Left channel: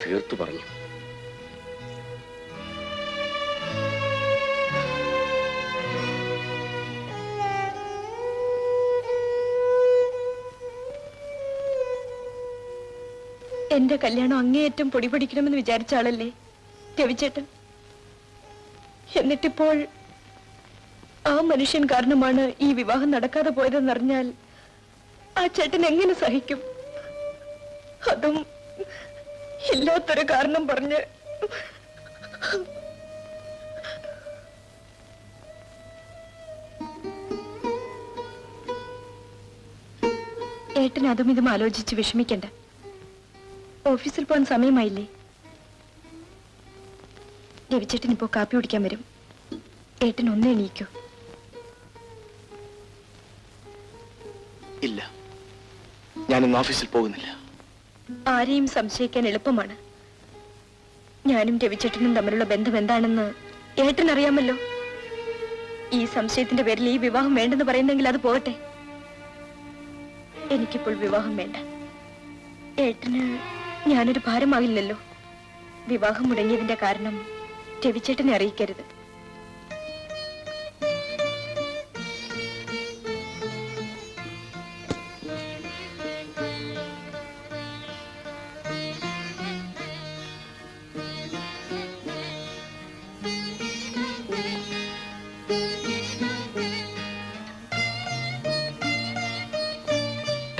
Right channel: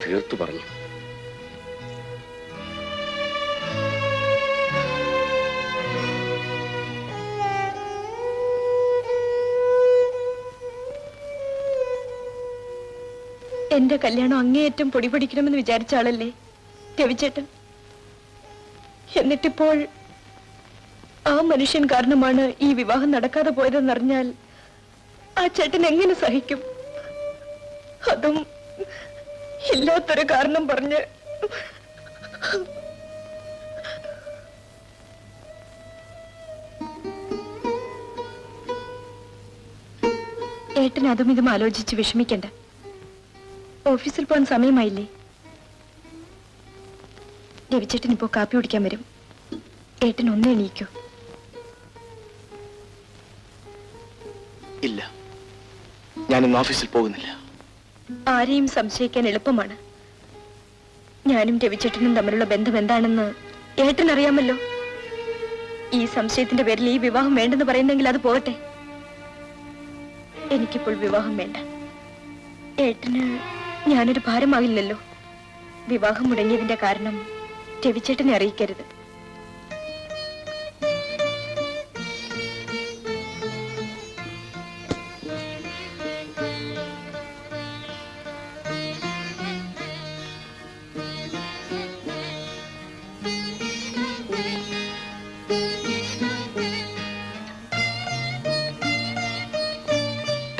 തീർത്തു പറഞ്ഞു. എന്റെ കല്യാണം അങ്ങേയറ്റം പൊടിപൊടിക്കണമെന്ന് വിചാരിച്ച ആളല്ലേ രവിചേട്ടൻ. എന്നിട്ടിപ്പോൾ ആ മനുഷ്യൻ കാരണമാണ് ഈ വിവാഹം നടക്കാതെ പോയതെന്നറിഞ്ഞാൽ ആ ചേട്ടൻ എങ്ങനെ സഹിക്കും? അതും ഇല്ലാത്തൊരു കാരണം പറഞ്ഞ്. ഏട്ടൻ അതും ഇതും ആലോചിച്ച് വിഷമിക്കണ്ട. ഓഫീസിൽ പോകാൻ സമയമായില്ലേ? രവിചേട്ടൻ ഇപ്പോ കാപ്പി കുടിക്കാൻ വരും. ഏട്ടൻ ഒന്നേ എണീക്കൂ. ഇല്ല, ഞാൻ ഇന്ന് ഓഫീസിൽ പോകുന്നില്ല. ആരെയും സംശയിക്കാൻ എളുപ്പമാണ്. ഞാനും രവിചേട്ടനും തമ്മിലുള്ള ബന്ധം എന്താണെന്ന് ഏട്ടൻ അറിയാമല്ലോ. ഈ സംശയത്തിന്റെ പേരിൽ ഈ വിവാഹം വേണ്ടെന്ന് പറയുന്നെങ്കിൽ അത് പോകട്ടെ. എനിക്കിപ്പോൾ വിവാഹം വേണ്ട. ഏട്ടന് ഞാനൊരു ഭാരമാവില്ലല്ലോ. വിവാഹം മുടങ്ങിയതിന്റെ കാരണം രവിചേട്ടനെ അറിയിക്കരുത്.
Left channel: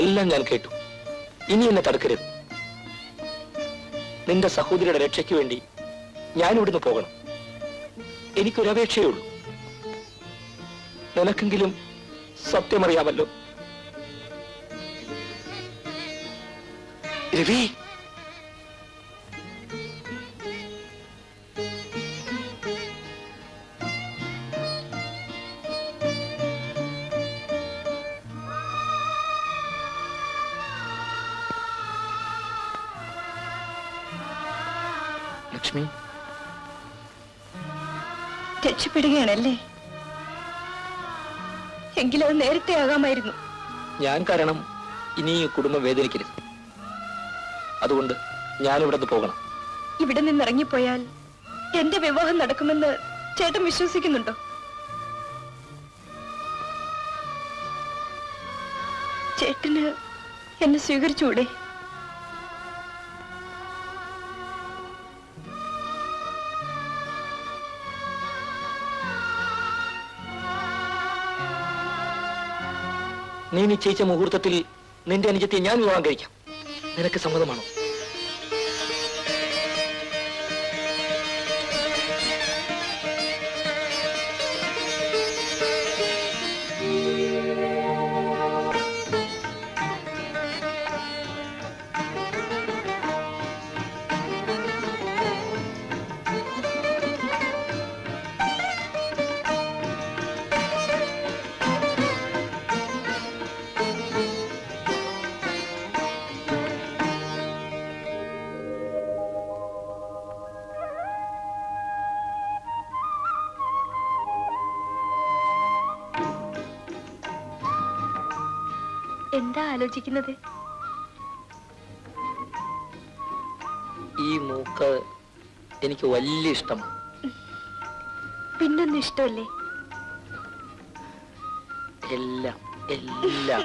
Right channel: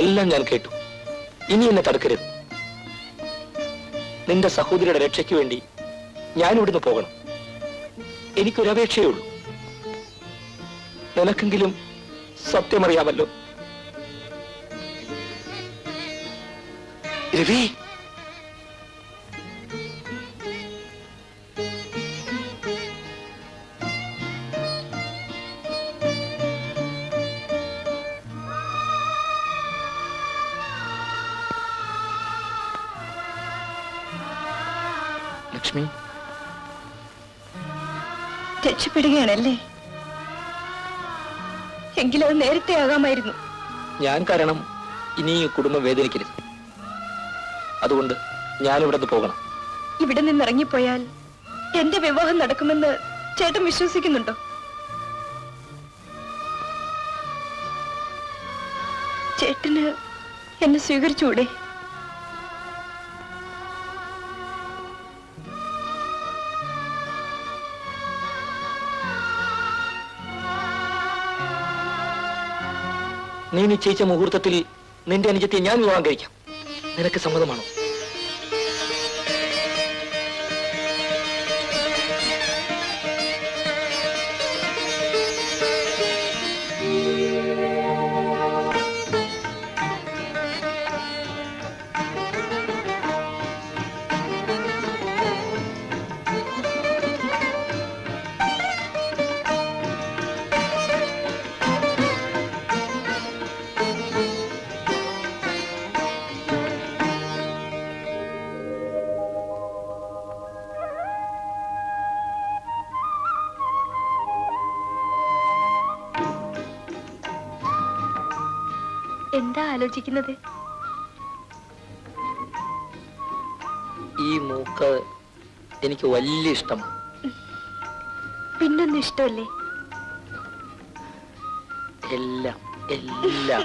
എല്ലാം ഞാൻ കേട്ടു. ഇനി എന്നെ തടുക്കരുത്. നിന്റെ സഹോദരിയുടെ രക്ഷയ്ക്ക് വേണ്ടി ഞാൻ ഇവിടുന്ന് പോകണം. എനിക്കൊരപേക്ഷയേ ഉള്ളൂ. നിനക്കെങ്കിലും സത്യമറിയാമല്ലോ. രവി, ലക്ഷ്മി, രക്ഷപ്പെടുകയാണല്ലേ? എങ്കിലും അത് നേരത്തെ ആകാമായിരുന്നു. ഞാൻ കാരണം ഇനി ഈ കുടുംബം വേദനിക്കരുത്. അതുകൊണ്ട് ഞാൻ ഇവിടെ പോകണം. ഇവിടെ നിന്ന് ഇറങ്ങിപ്പോയാൽ എന്റെ വിവാഹം നടക്കുമെന്ന് ചേട്ടൻ വിശ്വസിക്കുന്നുണ്ടോ? ചേട്ടന് എന്നെ സ്വീകരിച്ചുകൂടെ? നീ നിശ്ചയിച്ച മുഹൂർത്തത്തിൽ നിന്റെ അനുജത്തെ ഞാൻ വിവാഹം കഴിക്കാം. നിനക്ക് സമ്മതമാണോ? എന്താ ആലോചിക്കുന്നത്? ഈ മൂക്ക് എനിക്ക് വലിയ ഇഷ്ടമാണ്. പിന്നൊന്നും ഇഷ്ടമല്ലേ? എല്ലാം എല്ലാം.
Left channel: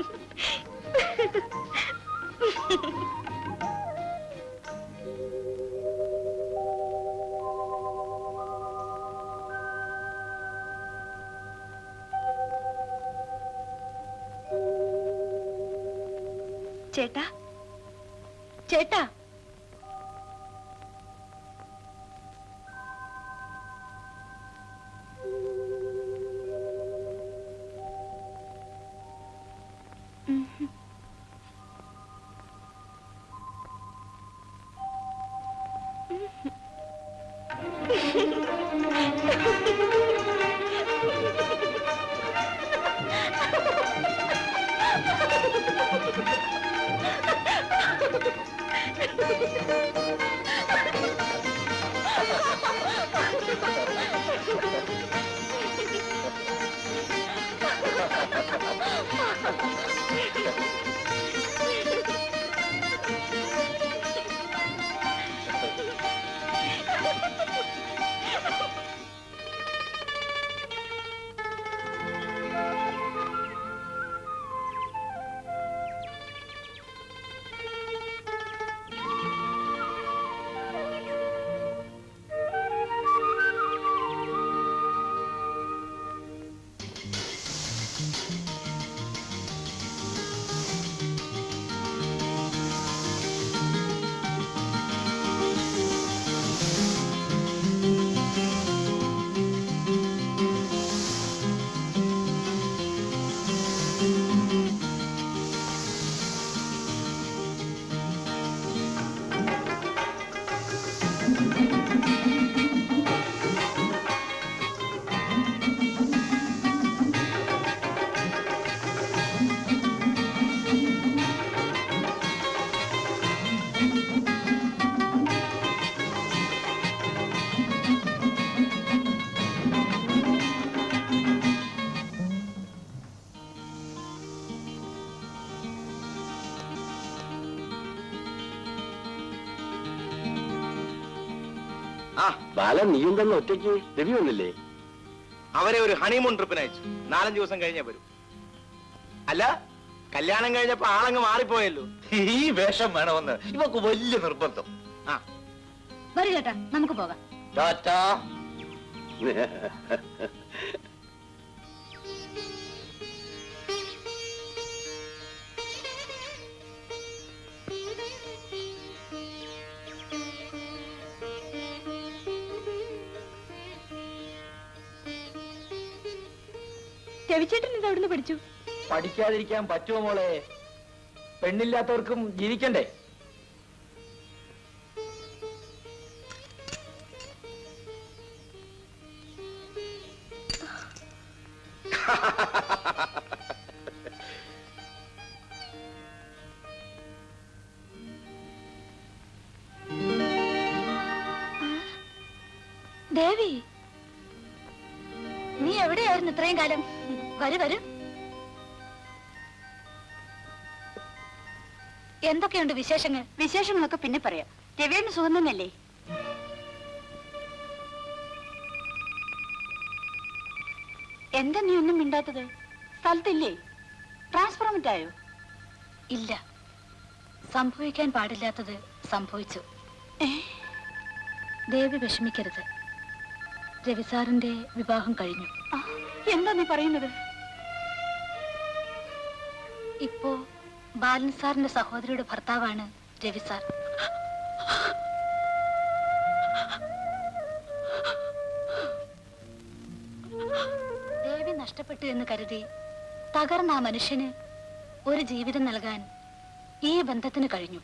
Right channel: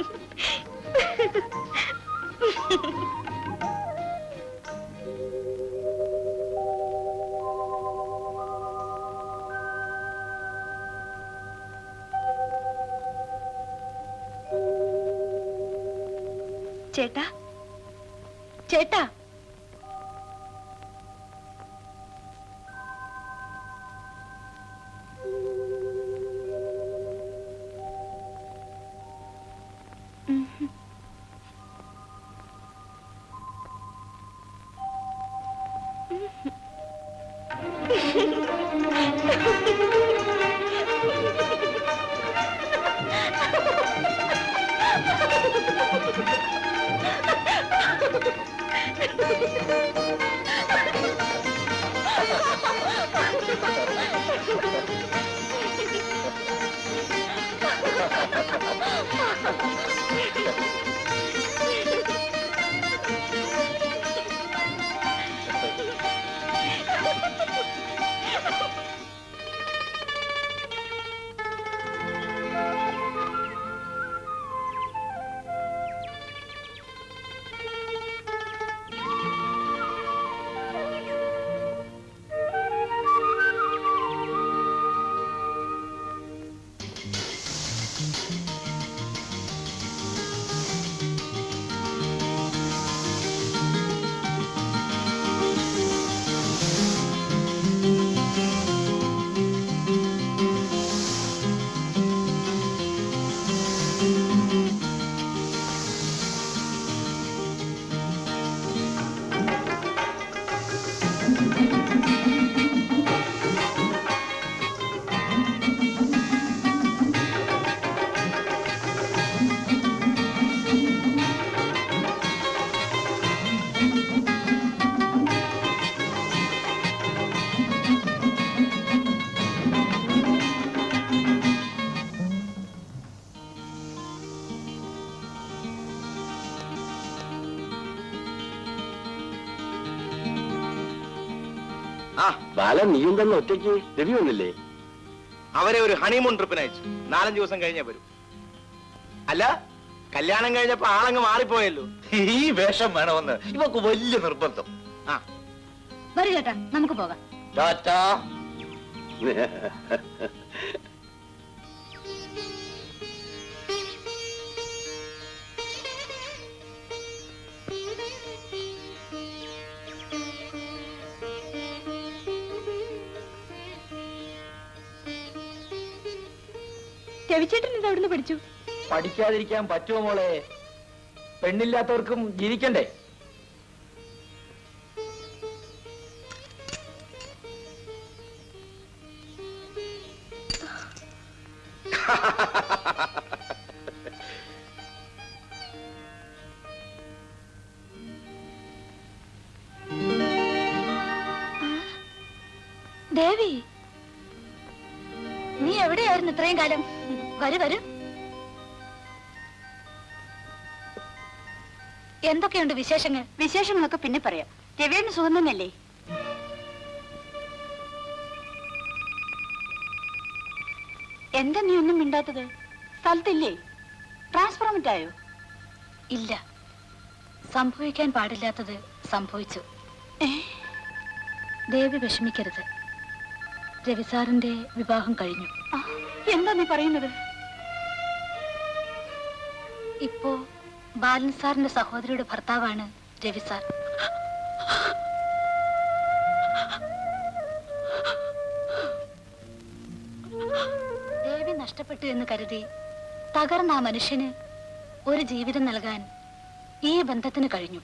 ചേട്ടാ, ചേട്ടാ, ബാലൻ നീയും തന്നെ ഒറ്റയ്ക്ക് രവി വന്നില്ലേ? അവരെ ഒരു ഹണിമൂൺ ട്രിപ്പിന് അയച്ചു. 4-5 ദിവസം കഴിഞ്ഞേ വരും. അല്ല, കല്യാണം കഴിഞ്ഞപ്പോ ആളങ്ങ് മാറിപ്പോയല്ലോ. ഈ വേഷം വേണമെന്ന് ഇവക്ക് വലിയ നിർബന്ധം. വരൂ ചേട്ടാ, നമുക്ക് പോകാം. ടാറ്റാ. രവിചേട്ടൻ ഇത് എവിടുന്ന് പഠിച്ചു? പഠിക്കാതിരിക്കാൻ പറ്റുമോ മോളെ? പെണ്ണില്ലാത്തവർക്കും ജീവിക്കണ്ടേ? ദേവി, നീ എവിടെയായിരുന്നു ഇത്രയും കാലം? വരൂ വരൂ. എന്തൊക്കെയുണ്ട് വിശേഷങ്ങൾ? വിശേഷങ്ങളൊക്കെ പിന്നെ പറയാം. രവിയുടെ സുഖം തന്നെയല്ലേ? എന്താ നീ ഒന്നും മിണ്ടാത്തത്? സ്ഥലത്തില്ലേ? ട്രാൻസ്ഫോർമെന്റ് ആയോ? ഇല്ല, സംഭവിക്കാൻ പാടില്ലാത്തത് സംഭവിച്ചു. ദേവി വിഷമിക്കരുത്. രവിസാറിന്റെ വിവാഹം കഴിഞ്ഞു. എന്താ നീ പറയുന്നത്? ഇപ്പോ ബാലൻ സാറിന്റെ സഹോദരിയുടെ ഭർത്താവാണ് രവിസാർ. ദേവി നഷ്ടപ്പെട്ടു എന്ന് കരുതി തകർന്ന ആ മനുഷ്യന് ഒരു ജീവിതം നൽകാൻ ഈ ബന്ധത്തിന് കഴിഞ്ഞു.